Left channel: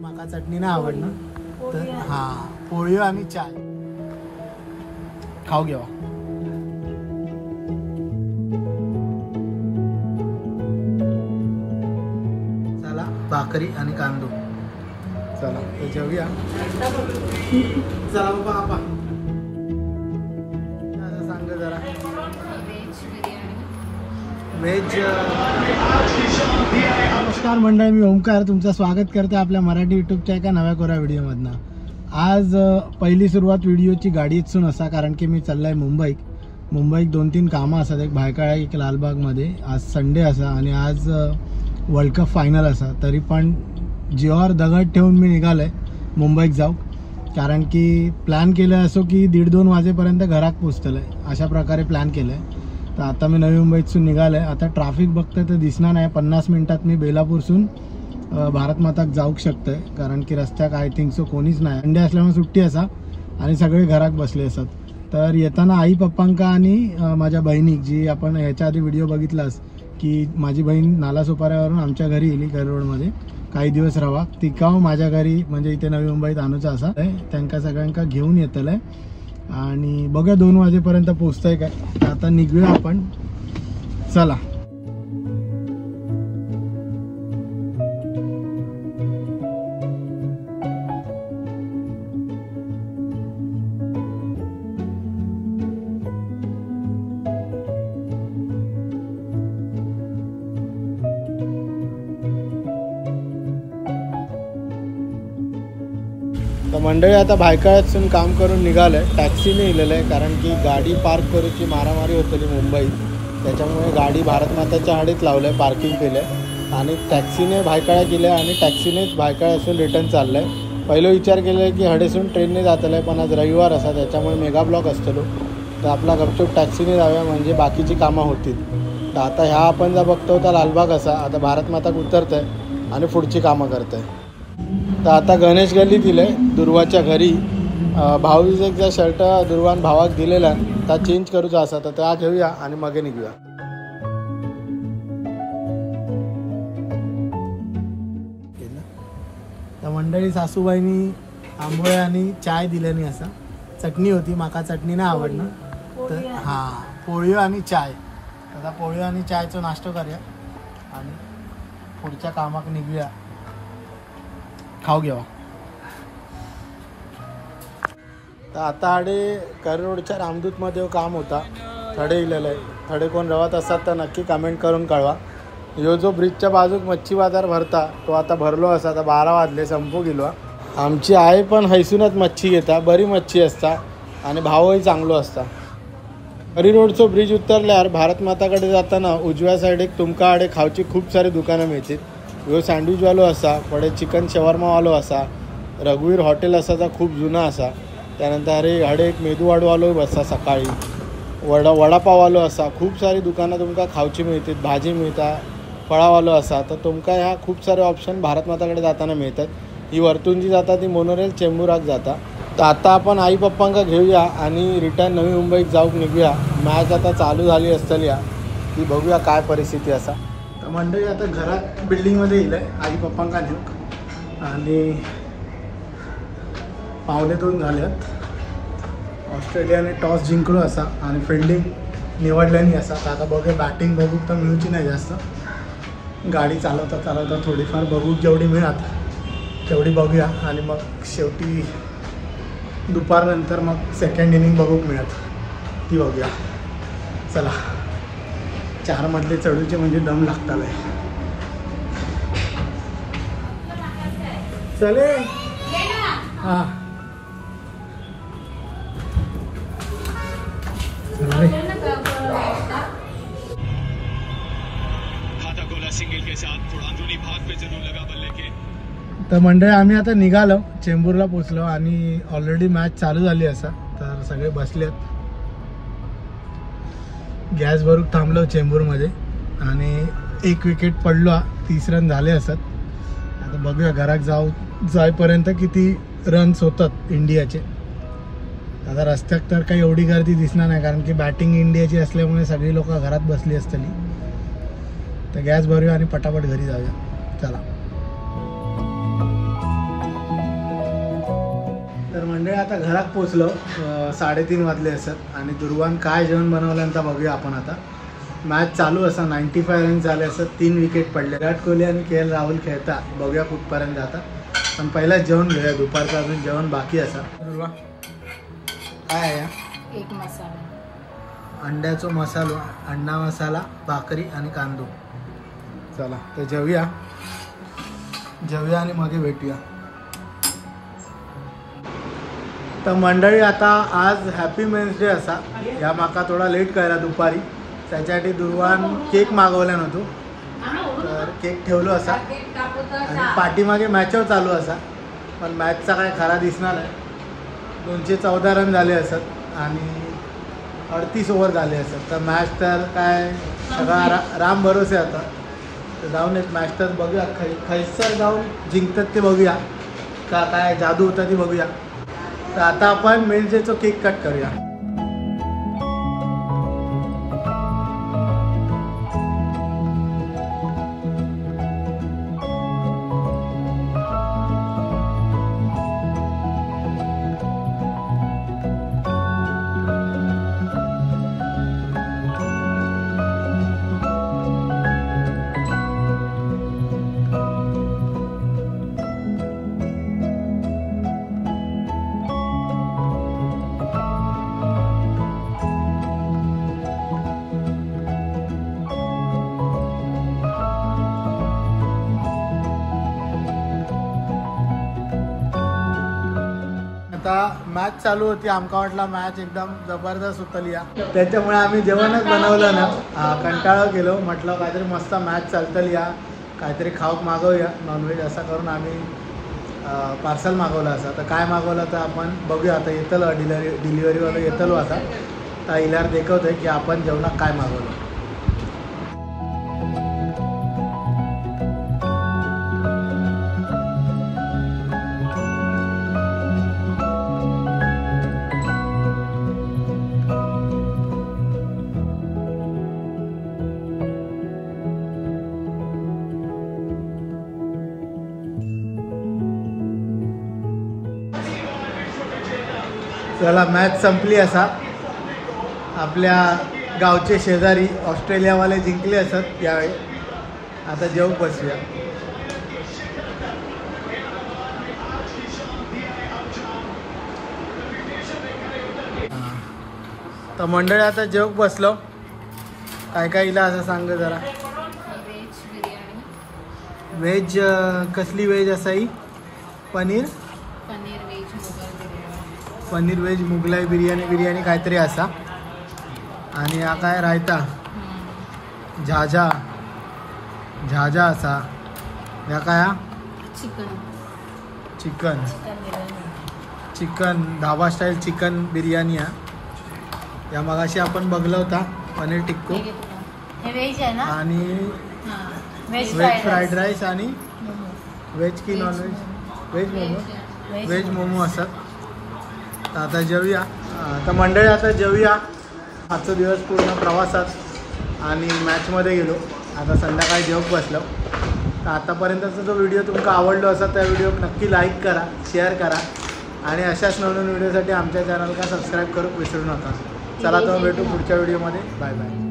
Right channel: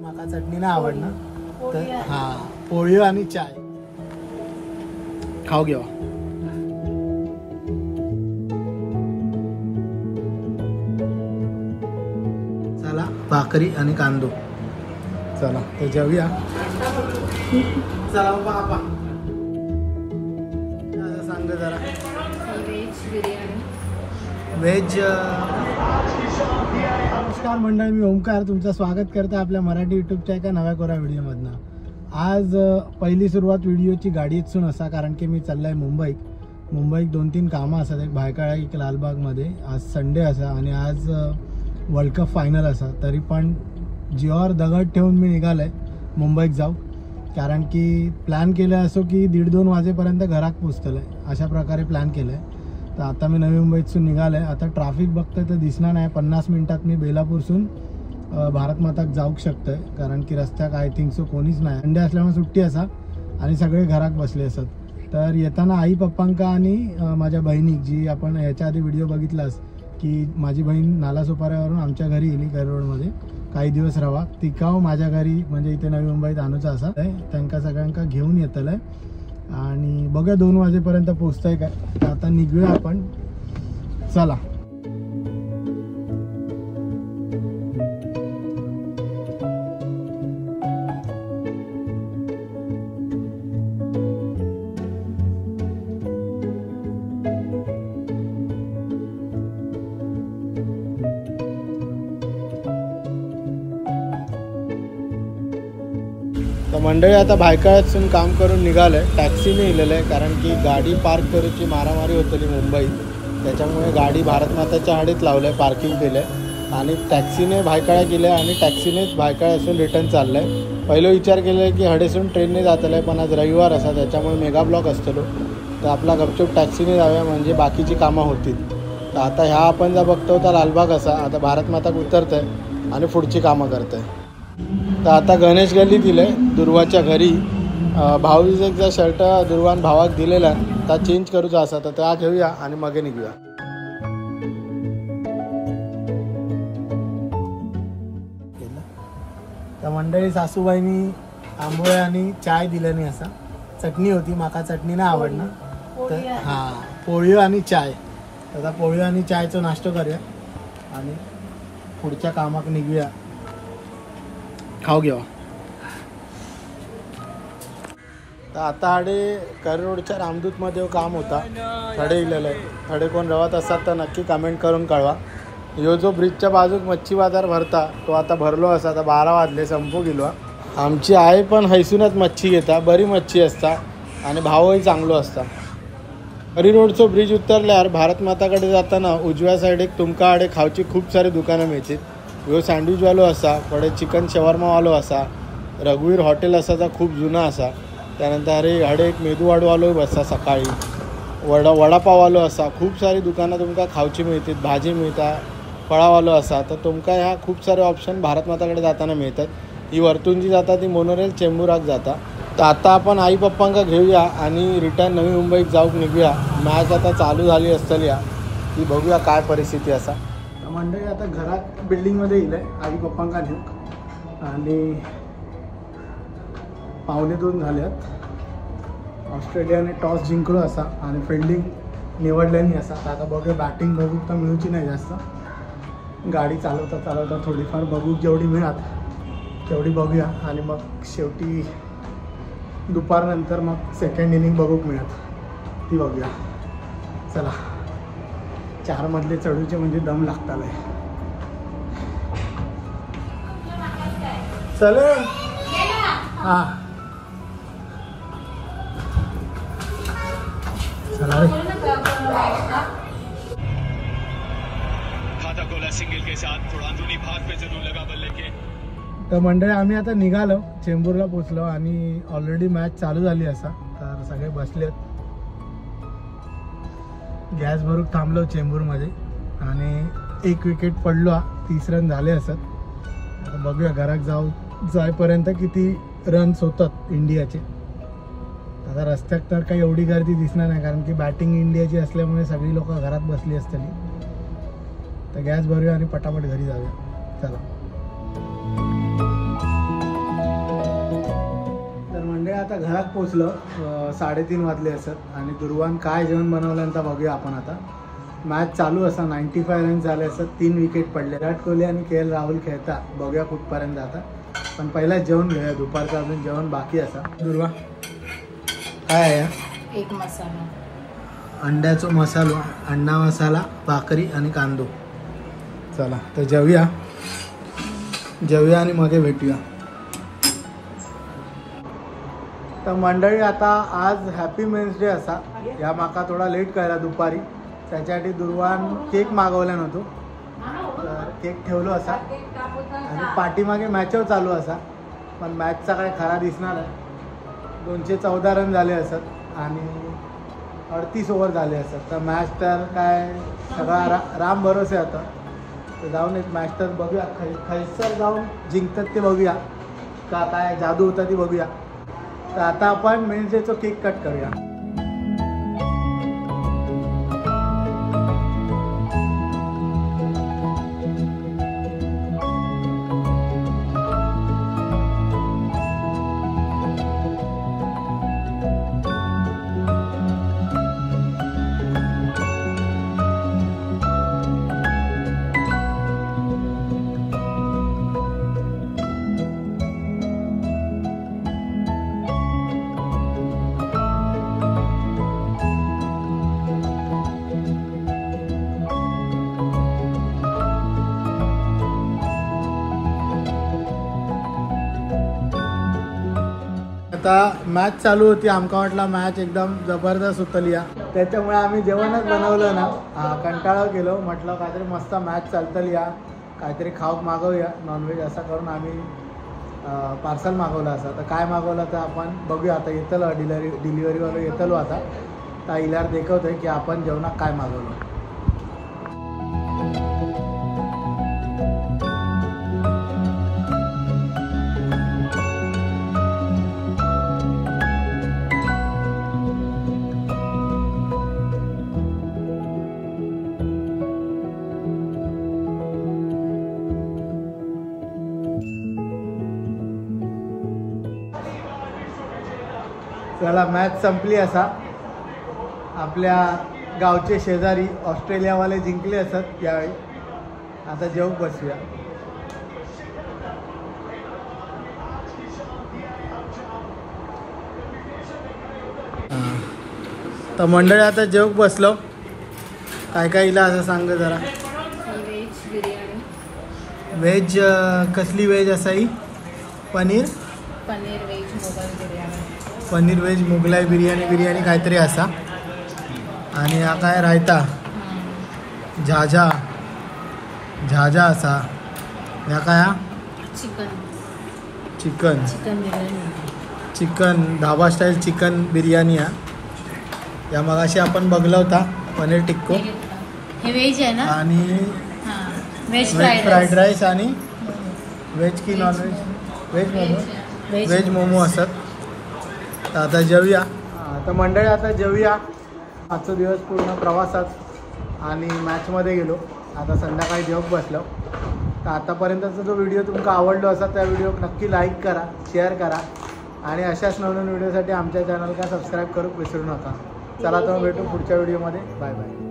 माका चटणी नाही आवडणार तर हा पोळी आणि चाय खाऊ घ्या. चला भाकरी आणि कांदो. चला ते जेवूया. चला बाबा सांग जरा. व्हेज नमस्कार मंडळी, मी ओंकार तुमचं स्वागत करते आपल्या मराठी यूट्यूबच्या एका नव्या कोऱ्या व्हिडिओमधनं. आज पहिली सुरुवात व्हिडिओची गाडीतसून असा, कारण की मी चाललाय मुंबईत 2-3 कामं असतात. एक भायखळा एक लालबागमध्ये. आज संडे असा आणि आज वर्ल्ड कप फायनल असा. तरी पण जीवावर दगड ठेवून मी निघालोय मुंबईत जाऊ, कारण की प्लॅन केलं असो की 1:30-2 वाजेपर्यंत घरात पोचतलंय. अशा प्रकारे प्लॅन केलं आहे. तर आता मी नवी मुंबईतून निघालो आहे. आता ट्रॅफिक बघतोय तर दिसणार नाही. 50 मिनिटात मी बेलापूरसून भारत माताक जाऊ शकतोय, कारण की रस्त्याक आय थिंक सो कोणीच नाही. संडे असल्यामुळे सुट्टी असा आणि सगळे घरात बसले असतात. तर येताना आई पप्पांका आणि माझ्या बहिणीक, जी आपण ह्याच्या आधी व्हिडिओ बघितलास की माझी बहीण नालासोपाऱ्यावरून आमच्या घरी येली रोडमध्ये काही दिवस रवा, तिकाव माझ्या घरी म्हणजे इथे नवी मुंबईत आणूचा असा. त्यांना सगळ्यांका घेऊन येतलंय आणि बघा 2 वाजेपर्यंत पोचतंय काय. आता निघूया आपण. चला तर मंडळी आता भायखळ्यातून काम करून निघालंय. टॅक्सीने इलेलं आहे, कारण की गाडी पार्क करूची मारामारी होतली मुंबईत. त्याच्यामुळे गाडी भारत माताच्या हाडीत लावलंय, पार्किंग केलंय आणि टॅक्सीने भायखळा केलं आणि टॅक्सीनेच भायखळ्यातून रिटर्न चाललंय. पहिलं विचार केलं की हडेसून ट्रेनने जातलं, पण आज रविवार असा त्याच्यामुळे मेगा ब्लॉक असतलो. तर आपला गपचूप टॅक्सीने जाऊया म्हणजे बाकीची कामं होतील. तर आता ह्या आपण जर बघतो तर लालबाग असा. आता भारत माताक उतरतंय आणि पुढची कामं करतंय. तर आता गणेश गल्ली दिले दुर्वाच्या घरी. भाऊजीचा शर्ट दुर्वान भावाक दिलेला त्या चेंज करूचा असा, तर त्या घेऊया आणि मग निघूया. तर मंडळी सासूबाईनी आंबोळे आणि चाय दिल्याने असा. चटणी होती, माका चटणी नाही आवडणार तर हा पोळी आणि चाय. आता पोळी आणि चायचा नाश्ता करूया आणि पुढच्या कामाक निघूया. खाऊ घ्या. तर आता हाडे कर रोडच्या रामदूतमध्ये काम होता. थडे इलेलं आहे. थडे कोण रवत असतात तर नक्की कमेंट करून कळवा. ह्यो जो ब्रिजच्या बाजूक मच्छी बाजार भरता तो आता भरलो असा. आता 12 वाजले, संपू गेलो. आमची आई पण हैसूनच मच्छी घेता. बरी मच्छी असता आणि भावही चांगलो असता. हरी रोडचो ब्रिज उतरल्यावर भारत माताकडे जाताना उजव्या साईडीक तुमका हाडे खावची खूप सारी दुकानं मिळतील. ह्यो सँडविचवालो असा, पुढे चिकन शवर्मावालो असा, रघुवीर हॉटेल असा खूप जुना असा. त्यानंतर हाडे एक मेदूवाडवालो बसता सकाळी, वडापाववालो असा. खूप सारी दुकानं तुमका खावची मिळतील, भाजी मिळता, फळावालो असा. तर तुमका ह्या खूप सारे ऑप्शन भारत माताकडे जाताना मिळतात. ही वरतून जी जाता ती मोनोरेल चेंबुराक जाता. तर आता आपण आई पप्पांका घेऊया आणि रिटर्न नवी मुंबईत जाऊक निघूया. मॅच आता चालू झाली असतली ती बघूया काय परिस्थिती असा. मंडळी आता घरात बिल्डिंगमध्ये येईल आई पप्पांका नेऊक आणि 1:15 झाल्यात. ऑस्ट्रेलियाने टॉस जिंकलो असा आणि फिल्डिंग निवडल्याने असा. तर आता बघूया, बॅटिंग बघू तर मिळूची नाही जास्त. गाडी चालवता थोडीफार बघू, जेवढी मिळत तेवढी बघूया आणि मग शेवटी दुपारनंतर मग सेकंड इनिंग बघूक मिळत ती बघूया. चला 4 मधले चढूचे म्हणजे दम लागतात. चले हां चला तर मंडळी आम्ही आता निघालो, चेंबूरला पोचलो आणि ऑलरेडी मॅच चालू झाली असा. तर सगळे बसलेत. गॅस भरून थांबलो चेंबूरमध्ये आणि 1 विकेट पडलो. 30 रन झाले असत. आता बघूया घरात जाईपर्यंत किती रन्स होतात इंडियाचे. आता रस्त्यात तर काही एवढी गर्दी दिसणार नाही, कारण की बॅटिंग इंडियाची असल्यामुळे सगळी लोक घरात बसली असतली. तर गॅस भरूया आणि पटापट घरी जाऊया. चला. आता घरात पोचलो 3:30 वाजले असत आणि दुर्वान काय जेवण बनवल्यानंतर बघूया आपण. आता मॅच चालू असा 95 रन झाले असत, 3 विकेट पडले. विराट कोहली आणि KL राहुल खेळता, बघूया कुठपर्यंत आता. पण पहिला जेवण घेऊया, दुपारचं अजून जेवण बाकी असा. दुर्वा काय आहे? एक मसाला, अंड्याचा मसाला, अंडा मसाला, भाकरी आणि कांदो. चला तर जेवूया आणि मग भेटूया. तर मंडळी आता आज हॅपी मेन्स डे असा. या माका थोडा लेट कळला दुपारी, त्याच्यासाठी दुर्वान केक मागवला नव्हतो. तर केक ठेवलो असा आणि पाठीमागे मॅचवर चालू असा. पण मॅचचा काय खरा दिसणार आहे. 214 रन झाले असत आणि 38 ओव्हर झाले असत. तर मॅच तर काय सगळा राम भरोसे आता. तर जाऊन एक मॅच तर बघूया, खैसर जाऊन जिंकतात ते बघूया का, काय जादू होता ती बघूया. तर आता आपण मिल्जेचा केक कट करूया. आता मॅच चालू होती, आमका वाटला मॅच एकदम जबरदस्त होतली या, त्याच्यामुळे आम्ही जेवणच बनवलं ना. कंटाळा केलो, म्हटलं काहीतरी मस्त मॅच चालतली या, काहीतरी खाऊक मागवूया नॉनव्हेज. असं करून आम्ही पार्सल मागवलं असं. तर काय मागवलं तर आपण बघूया. आता येतलो डिलिव्हरीवालं येतलो आता. तर इल्यावर देखवतोय की आपण जेवणात काय मागवलं. चला मॅच संपली असा. आपल्या गावचे शेजारी ऑस्ट्रेलियावाले जिंकले असत यावेळी. आता जेवू बसूया. तर मंडळी आता जेवू बसलो. काय काय इला असं सांग जरा. व्हेज बिर्याणी. व्हेज कसली व्हेज असाई? पनीर व्हेज मोगलाई बिर्याणी. पनीर व्हेज मोगलाई बिर्याणी काहीतरी असा. आणि हा काय रायता झाझा असा. ह्या काय चिकन धाबा स्टाईल चिकन बिर्याणी हा. या मगाशी आपण बघला होता पनीर टिक्को. हे व्हेज आहे ना. आणि व्हेज फ्राईड राईस आणि व्हेज की नॉन व्हेज? व्हेज मोमो असत. तर आता जेवूया. आता मंडळी आता जेवूया. आजचा दिवस पूर्ण प्रवासात आणि मॅचमध्ये गेलो. आता संध्याकाळी जेवून बसलो. तर आतापर्यंतचा जो व्हिडिओ तुमका आवडलो असा त्या व्हिडिओ नक्की लाईक करा, शेअर करा आणि अशाच नवीन व्हिडिओसाठी आमच्या चॅनलला सबस्क्राईब करू विसरू नका. चला तर भेटू पुढच्या व्हिडिओमध्ये. Bye bye.